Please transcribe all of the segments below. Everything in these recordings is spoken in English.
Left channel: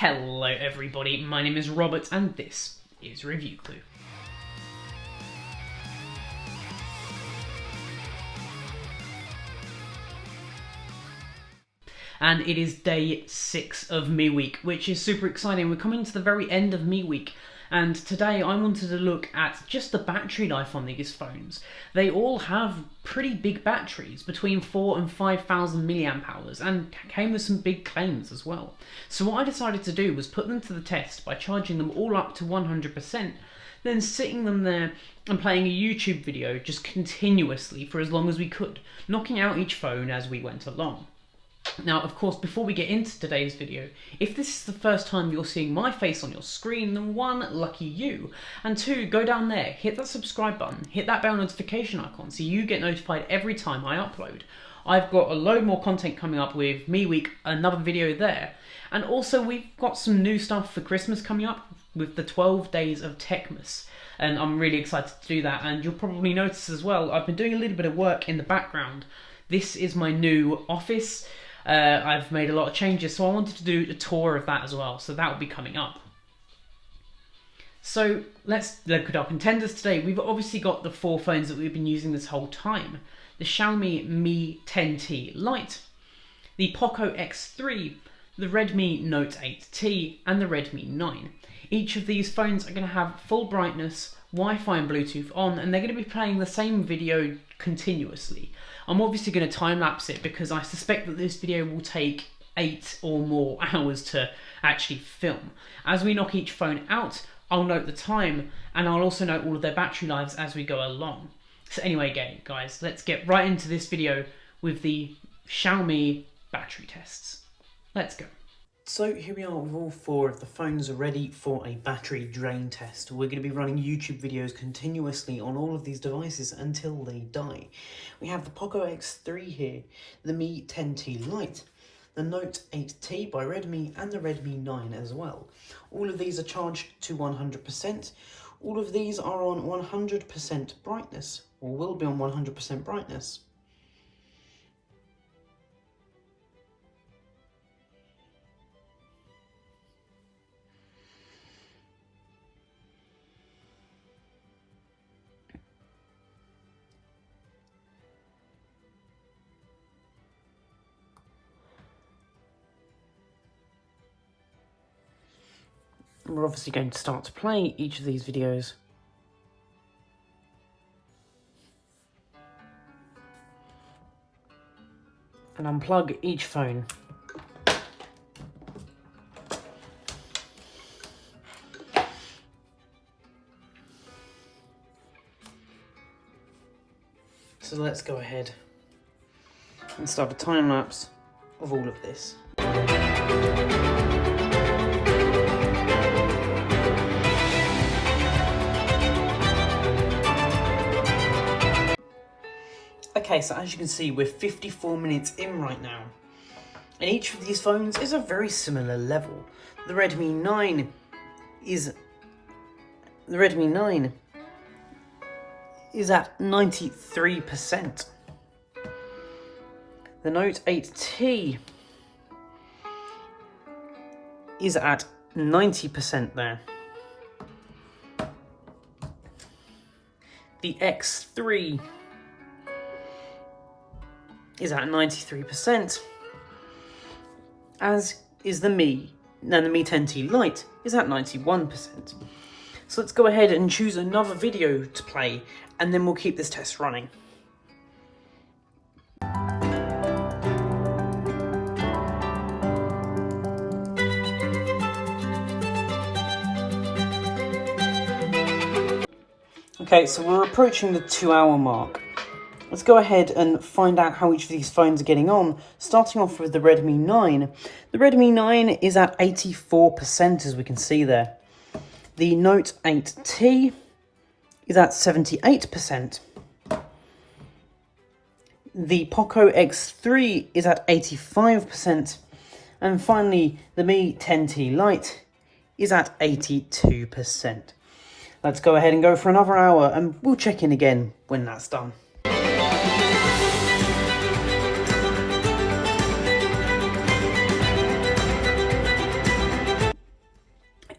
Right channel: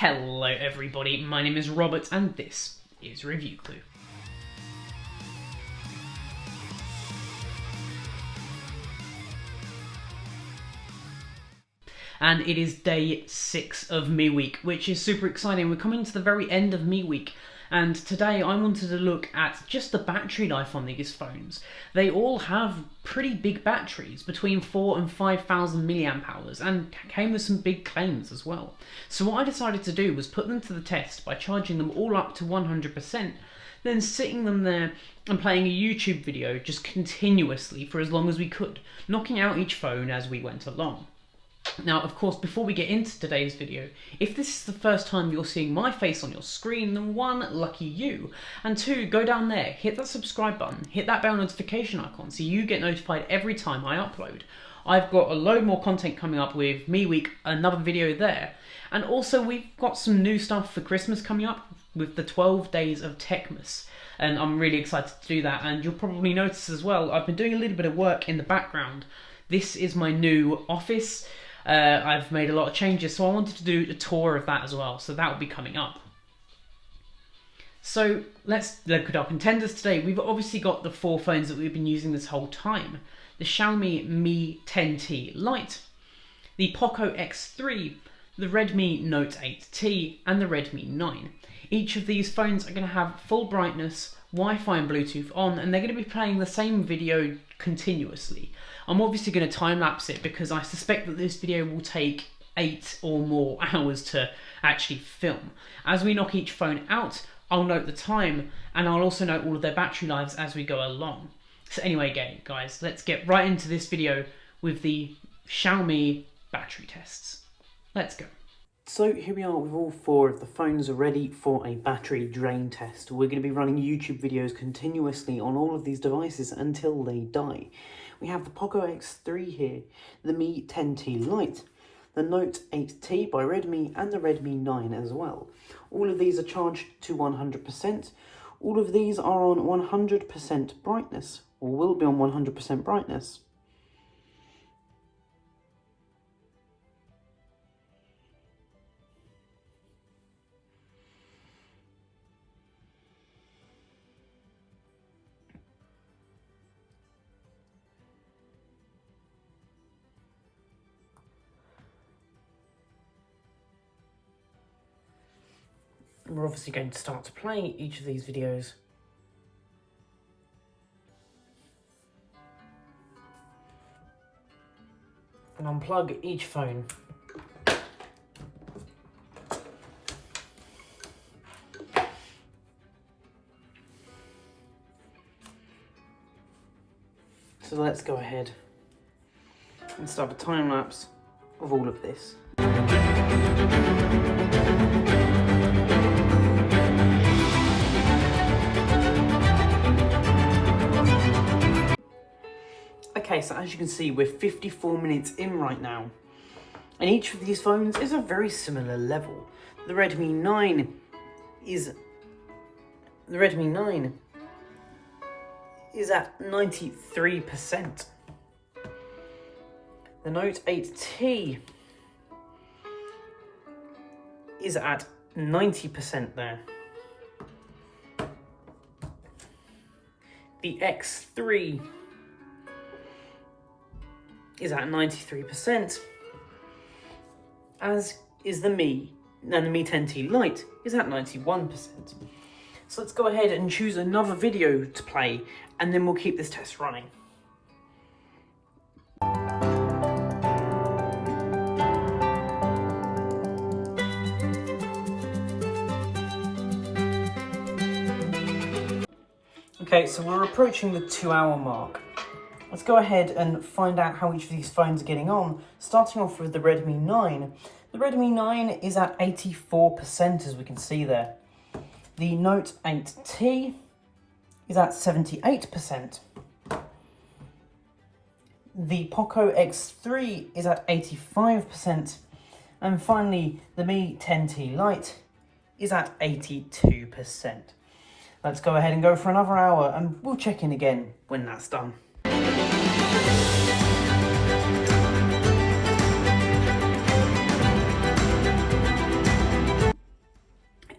Hello everybody, my name is Robert and this is Review Clue. And it is day 6 of Me Week, which is super exciting. We're coming to the very end of Me Week, and today I wanted to look at just the battery life on these phones. They all have pretty big batteries, between 4,000 and 5,000 milliamp hours, and came with some big claims as well. So what I decided to do was put them to the test by charging them all up to 100%, then sitting them there and playing a YouTube video just continuously for as long as we could, knocking out each phone as we went along. Now, of course, before we get into today's video, if this is the first time you're seeing my face on your screen, then 1, lucky you, and 2, go down there, hit that subscribe button, hit that bell notification icon so you get notified every time I upload. I've got a load more content coming up with Me Week, another video there, and also we've got some new stuff for Christmas coming up with the 12 days of Techmas, and I'm really excited to do that. And you'll probably notice as well, I've been doing a little bit of work in the background. This is my new office. I've made a lot of changes, so I wanted to do a tour of that as well, so that will be coming up. So let's look at our contenders today. We've obviously got the 4 phones that we've been using this whole time. The Xiaomi Mi 10T Lite, the Pocco X3, the Redmi Note 8T, and the Redmi 9. Each of these phones are going to have full brightness, Wi-Fi and Bluetooth on, and they're going to be playing the same video continuously. I'm obviously going to time-lapse it because I suspect that this video will take 8 or more hours to actually film. As we knock each phone out, I'll note the time, and I'll also note all of their battery lives as we go along. So anyway, guys, let's get right into this video with the Xiaomi battery tests. Let's go. So here we are with all 4 of the phones ready for a battery drain test. We're going to be running YouTube videos continuously on all of these devices until they die. We have the Pocco X3 here, the Mi 10T Lite, the Note 8T by Redmi, and the Redmi 9 as well. All of these are charged to 100%. All of these are on 100% brightness, or will be on 100% brightness. We're obviously going to start to play each of these videos. And unplug each phone. So let's go ahead and start a time lapse of all of this. Okay, so as you can see, we're 54 minutes in right now, and each of these phones is a very similar level. The Redmi 9 is at 93%. The Note 8T is at 90% there. The X3 is at 93%, as is the Mi 10T Lite is at 91%. So let's go ahead and choose another video to play, and then we'll keep this test running. Okay, so we're approaching the 2-hour mark. Let's go ahead and find out how each of these phones are getting on, starting off with the Redmi 9. The Redmi 9 is at 84%, as we can see there. The Note 8T is at 78%. The Pocco X3 is at 85%. And finally, the Mi 10T Lite is at 82%. Let's go ahead and go for another hour, and we'll check in again when that's done.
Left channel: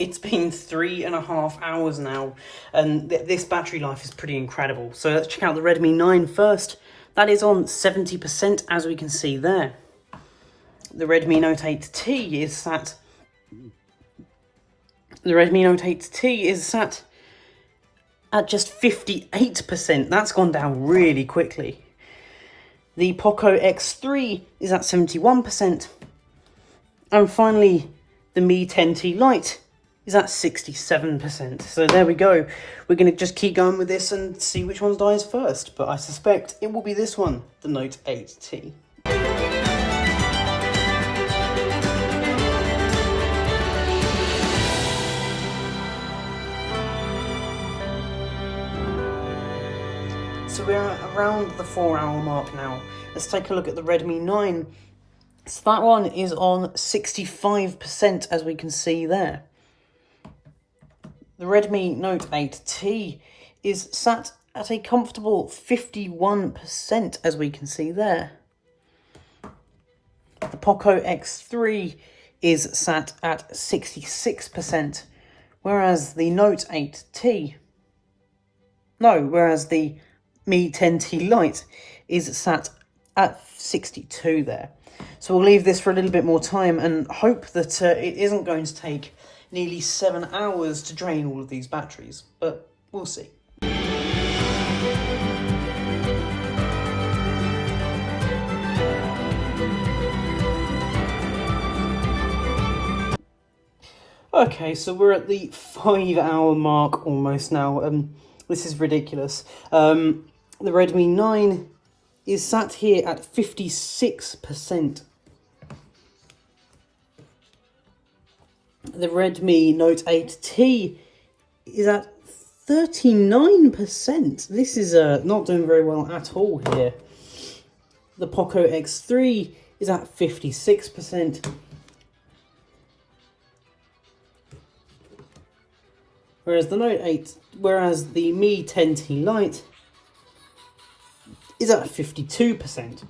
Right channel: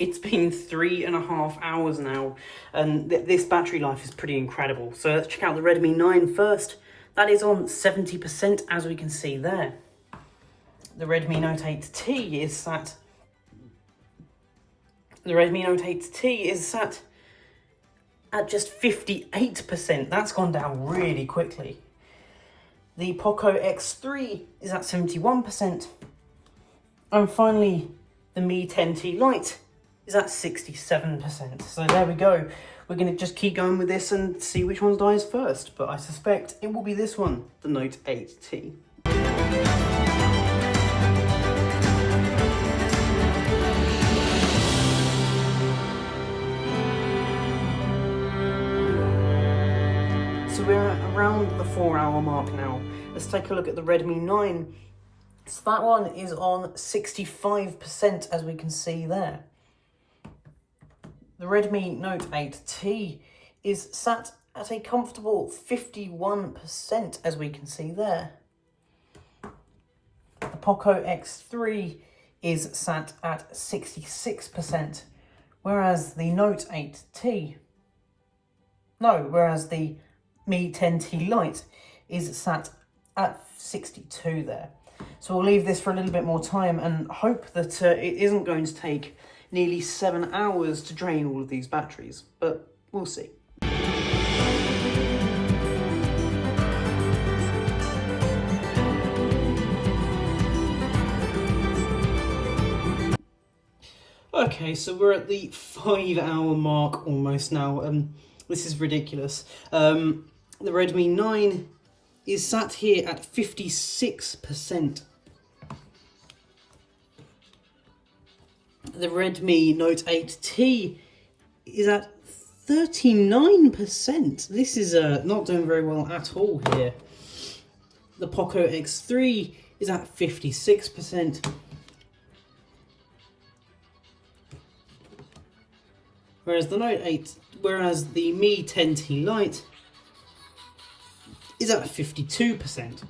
It's been 3.5 hours now, and this battery life is pretty incredible. So let's check out the Redmi 9 first. That is on 70%, as we can see there. The Redmi Note 8T is sat... The Redmi Note 8T is sat at just 58%. That's gone down really quickly. The Pocco X3 is at 71%. And finally, the Mi 10T Lite is at 67%. So there we go. We're going to just keep going with this and see which one dies first. But I suspect it will be this one, the Note 8T. So we're at around the 4-hour mark now. Let's take a look at the Redmi 9. So that one is on 65%, as we can see there. The Redmi Note 8T is sat at a comfortable 51%, as we can see there. The Pocco X3 is sat at 66%, whereas the Note 8T... whereas the Mi 10T Lite is sat at 62 there. So we'll leave this for a little bit more time and hope that it isn't going to take nearly 7 hours to drain all of these batteries, but we'll see. Okay, so we're at the 5-hour mark almost now. This is ridiculous. The Redmi 9 is sat here at 56%. The Redmi Note 8T is at 39%. This is not doing very well at all here. The Pocco X3 is at 56%. Whereas the Mi 10T Lite is at 52%.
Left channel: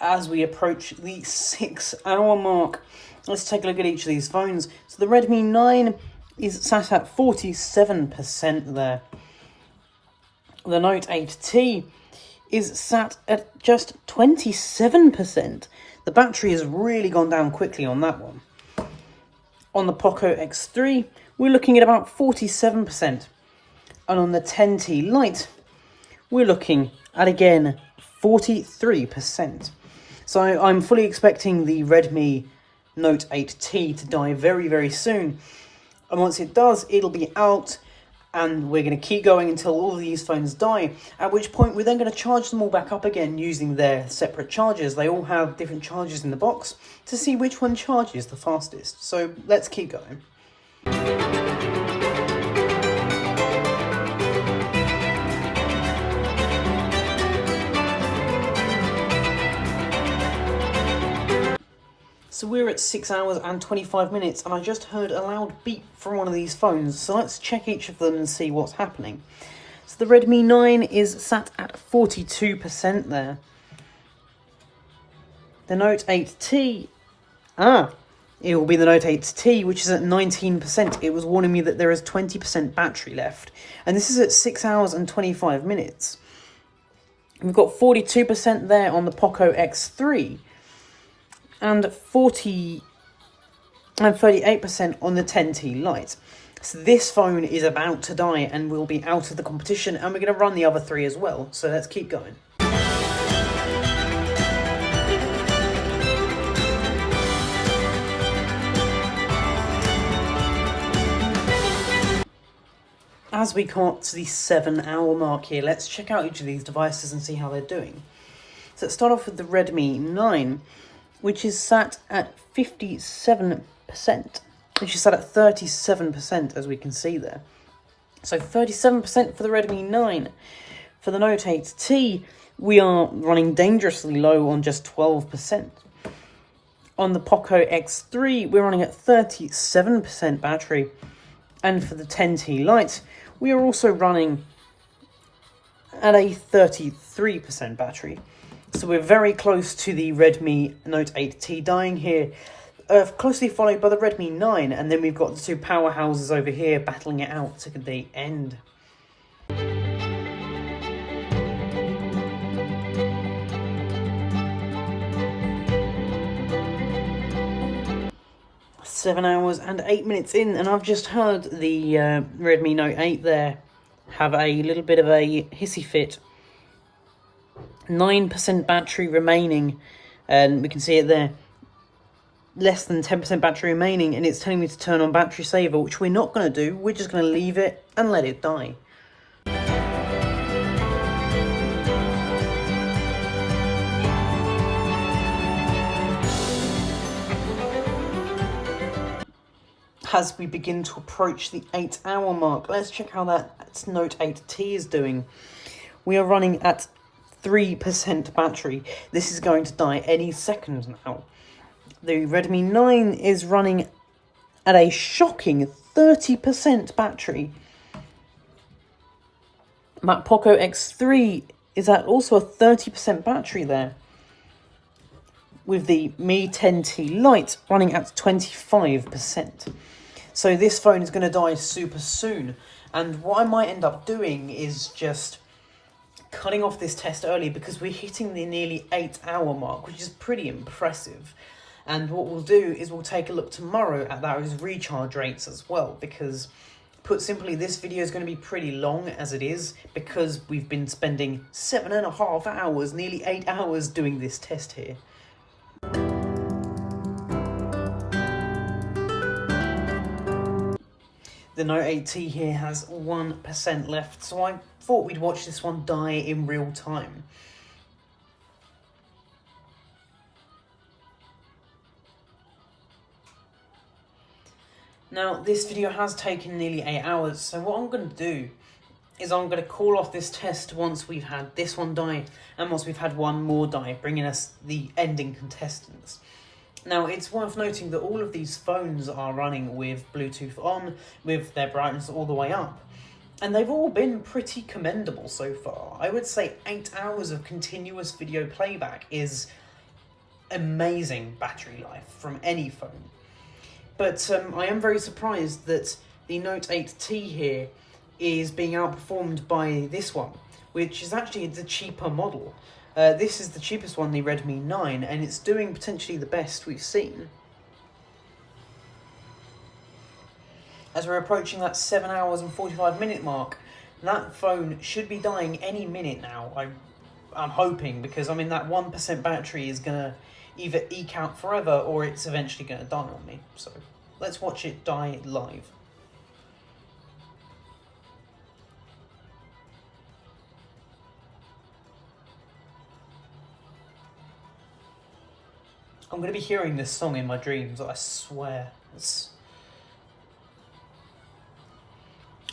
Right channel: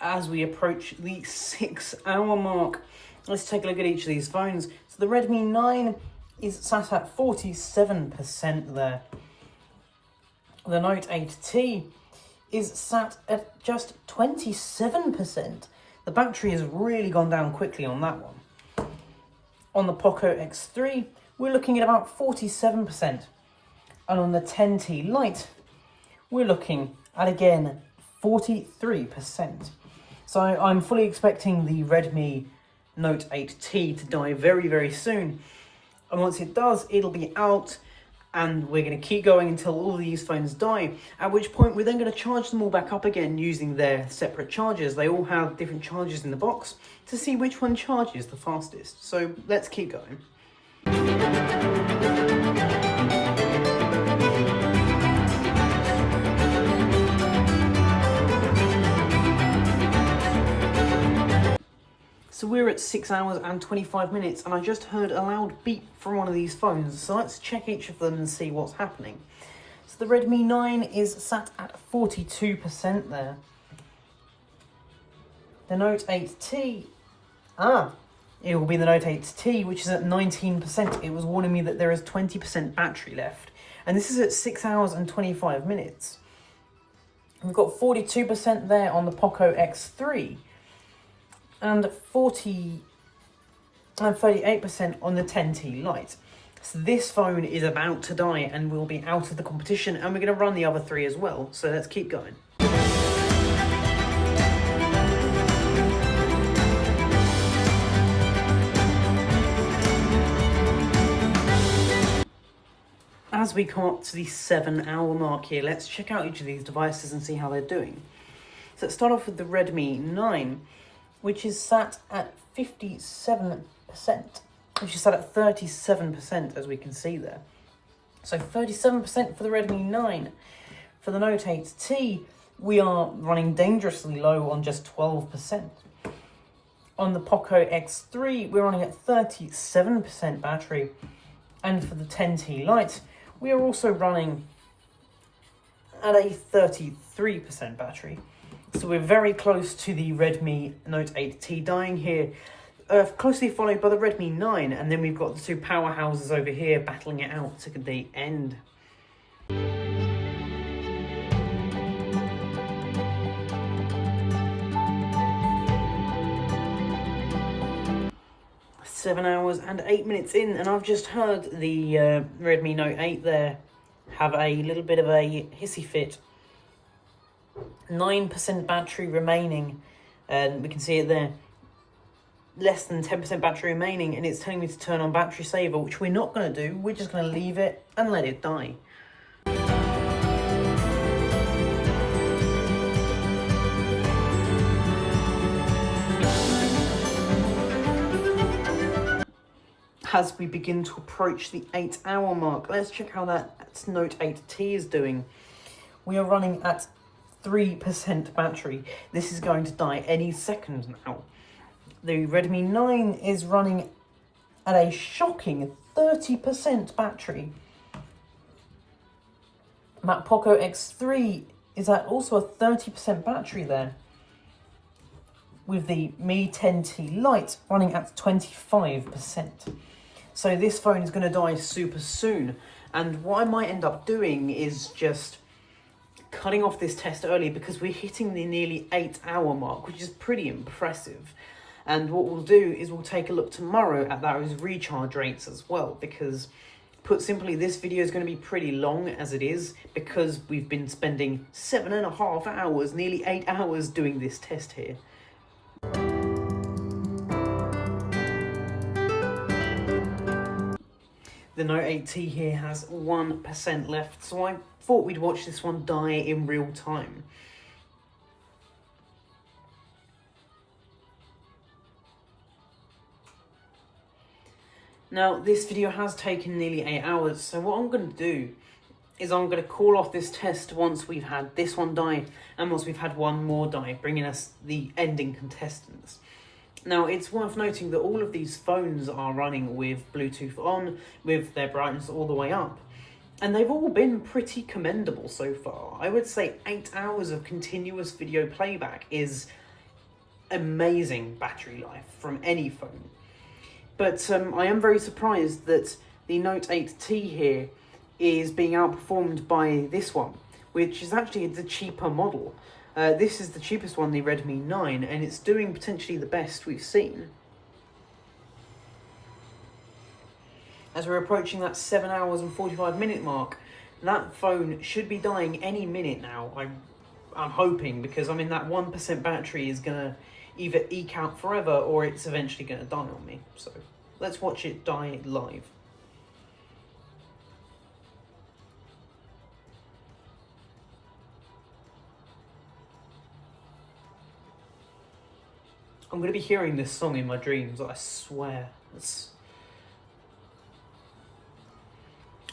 As we approach the 6-hour mark, let's take a look at each of these phones. So the Redmi 9 is sat at 47% there. The Note 8T is sat at just 27%. The battery has really gone down quickly on that one. On the Pocco X3, we're looking at about 47%. And on the 10T Lite, we're looking at, again, 43%. So I'm fully expecting the Redmi Note 8T to die very, very soon. And once it does, it'll be out, and we're going to keep going until all of these phones die, at which point we're then going to charge them all back up again using their separate chargers. They all have different chargers in the box to see which one charges the fastest. So let's keep going. So we're at 6 hours and 25 minutes, and I just heard a loud beep from one of these phones, so let's check each of them and see what's happening. So the Redmi 9 is sat at 42% there. The Note 8T, it will be the Note 8T, which is at 19%. It was warning me that there is 20% battery left, and this is at 6 hours and 25 minutes. We've got 42% there on the Pocco X3, and 38% on the 10T Lite. So this phone is about to die and will be out of the competition, and we're going to run the other three as well, so let's keep going. As we come up to the 7-hour mark here, let's check out each of these devices and see how they're doing. So let's start off with the Redmi 9, which is sat at 57%, which is sat at 37%, as we can see there. So 37% for the Redmi 9. For the Note 8T, we are running dangerously low on just 12%. On the Pocco X3, we're running at 37% battery. And for the 10T Lite, we are also running at a 33% battery. So we're very close to the Redmi Note 8T dying here, closely followed by the Redmi 9, and then we've got the two powerhouses over here battling it out to the end. Seven hours and 8 minutes in, and I've just heard the Redmi Note 8 there have a little bit of a hissy fit. 9% battery remaining, and we can see it there. Less than 10% battery remaining, and it's telling me to turn on battery saver, which we're not going to do. We're just going to leave it and let it die. As we begin to approach the 8-hour mark, let's check how that Note 8T is doing. We are running at 3% battery. This is going to die any second now. The Redmi 9 is running at a shocking 30% battery. That Pocco X3 is at also a 30% battery there, with the Mi 10T Lite running at 25%. So this phone is going to die super soon, and what I might end up doing is just cutting off this test early, because we're hitting the nearly 8-hour mark, which is pretty impressive. And what we'll do is we'll take a look tomorrow at those recharge rates as well, because put simply, this video is going to be pretty long as it is, because we've been spending 7.5 hours, nearly 8 hours doing this test here. The Note 8T here has 1% left, so I thought we'd watch this one die in real time. Now, this video has taken nearly 8 hours, so what I'm going to do is I'm going to call off this test once we've had this one die, and once we've had one more die, bringing us the ending contestants. Now, it's worth noting that all of these phones are running with Bluetooth on, with their brightness all the way up. And they've all been pretty commendable so far. I would say 8 hours of continuous video playback is amazing battery life from any phone. But I am very surprised that the Note 8T here is being outperformed by this one, which is actually the cheaper model. This is the cheapest one, the Redmi 9, and it's doing potentially the best we've seen. As we're approaching that 7 hours and 45 minute mark, that phone should be dying any minute now, I'm hoping, because I mean that 1% battery is going to either eke out forever or it's eventually going to die on me. So let's watch it die live. I'm going to be hearing this song in my dreams, I swear.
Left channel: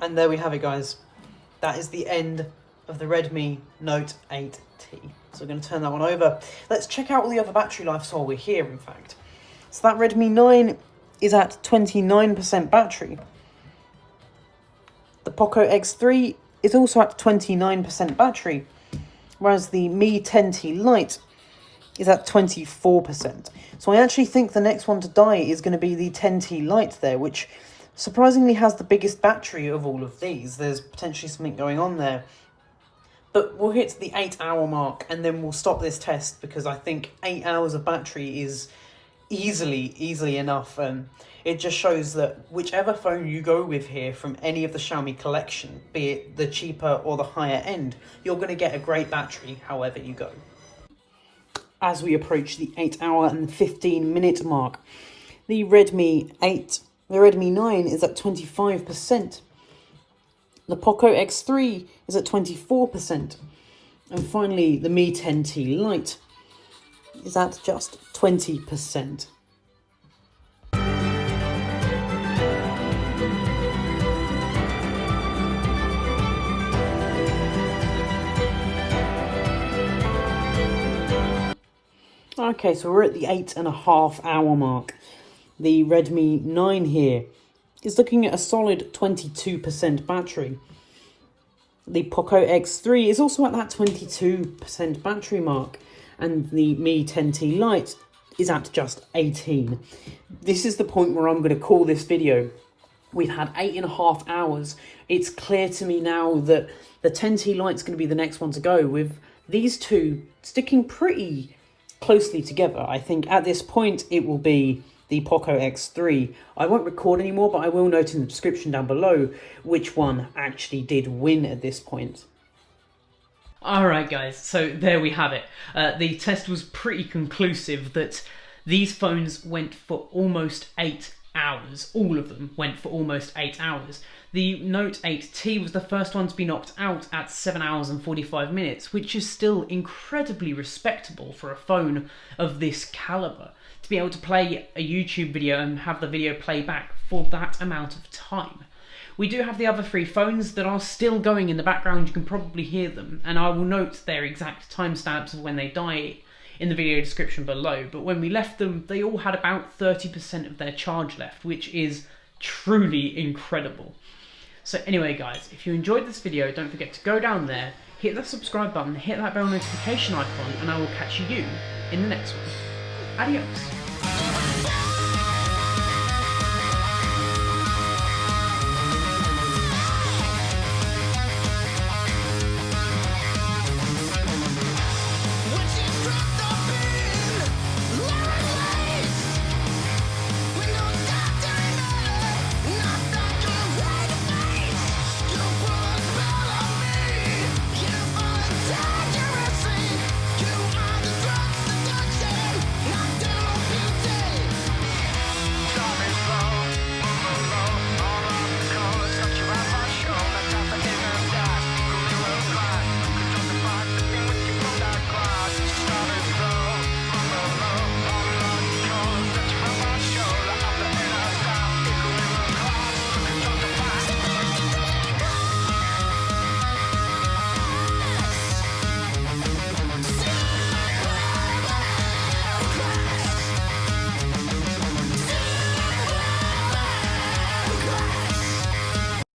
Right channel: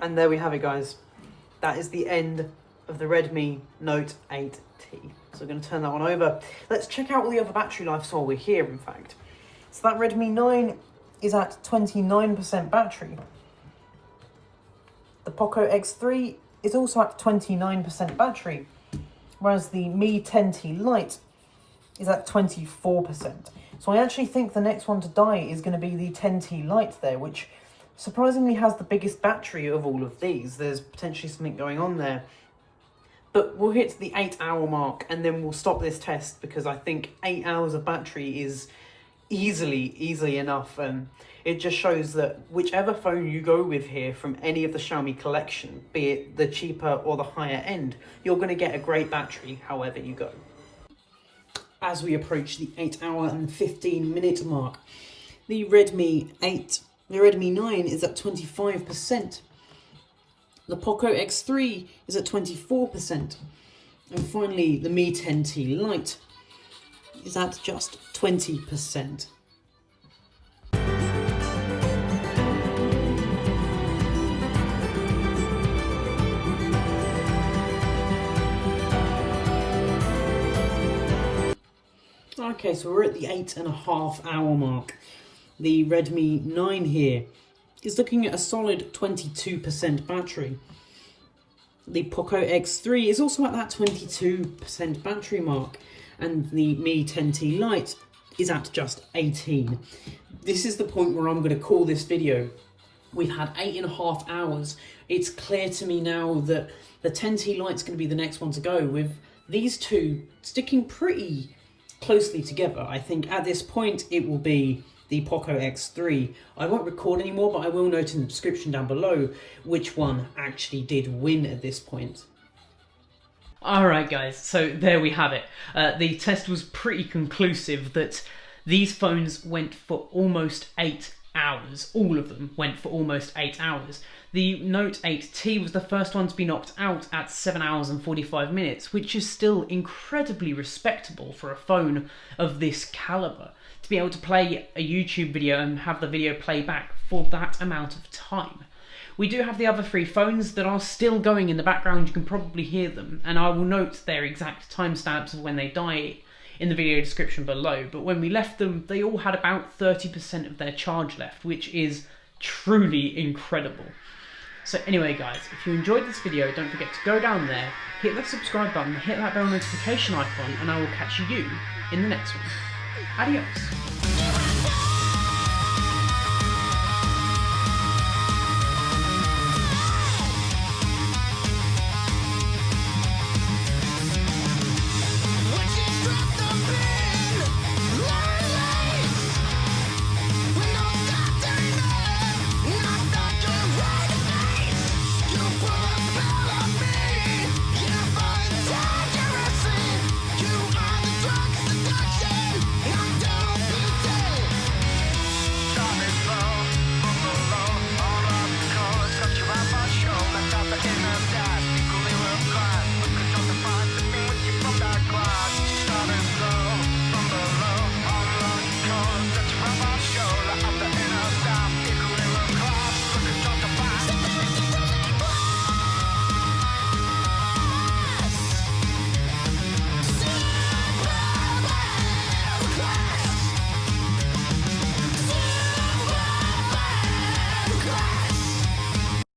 And there we have it, guys. That is the end of the Redmi Note 8T. So we're going to turn that one over. Let's check out all the other battery life while we're here, in fact. So that Redmi 9 is at 29% battery. The Pocco X3 is also at 29% battery, whereas the Mi 10T Lite is at 24%. So I actually think the next one to die is going to be the 10T Lite there, which surprisingly has the biggest battery of all of these. There's potentially something going on there. But we'll hit the 8 hour mark and then we'll stop this test, because I think 8 hours of battery is easily enough. It just shows that whichever phone you go with here from any of the Xiaomi collection, be it the cheaper or the higher end, you're going to get a great battery however you go. As we approach the 8 hour and 15 minute mark, the Redmi 9 is at 25%. The Pocco X3 is at 24%. And finally, the Mi 10T Lite is at just 20%. Okay, so we're at the 8.5 hour mark. The Redmi 9 here is looking at a solid 22% battery. The Pocco X3 is also at that 22% battery mark, and the Mi 10T Lite is at just 18. This is the point where I'm going to call this video. We've had 8.5 hours. It's clear to me now that the 10T Lite's going to be the next one to go, with these two sticking pretty closely together. I think at this point it will be the Pocco X3. I won't record anymore, but I will note in the description down below which one actually did win at this point. Alright guys, so there we have it. The test was pretty conclusive that these phones went for almost 8 hours. All of them went for almost 8 hours. The Note 8T was the first one to be knocked out at 7 hours and 45 minutes, which is still incredibly respectable for a phone of this caliber. To be able to play a YouTube video and have the video play back for that amount of time. We do have the other 3 phones that are still going in the background. You can probably hear them, and I will note their exact timestamps of when they die in the video description below. But when we left them, they all had about 30% of their charge left, which is truly incredible. So anyway guys, if you enjoyed this video, don't forget to go down there, hit that subscribe button, hit that bell notification icon, and I will catch you in the next one. Adios.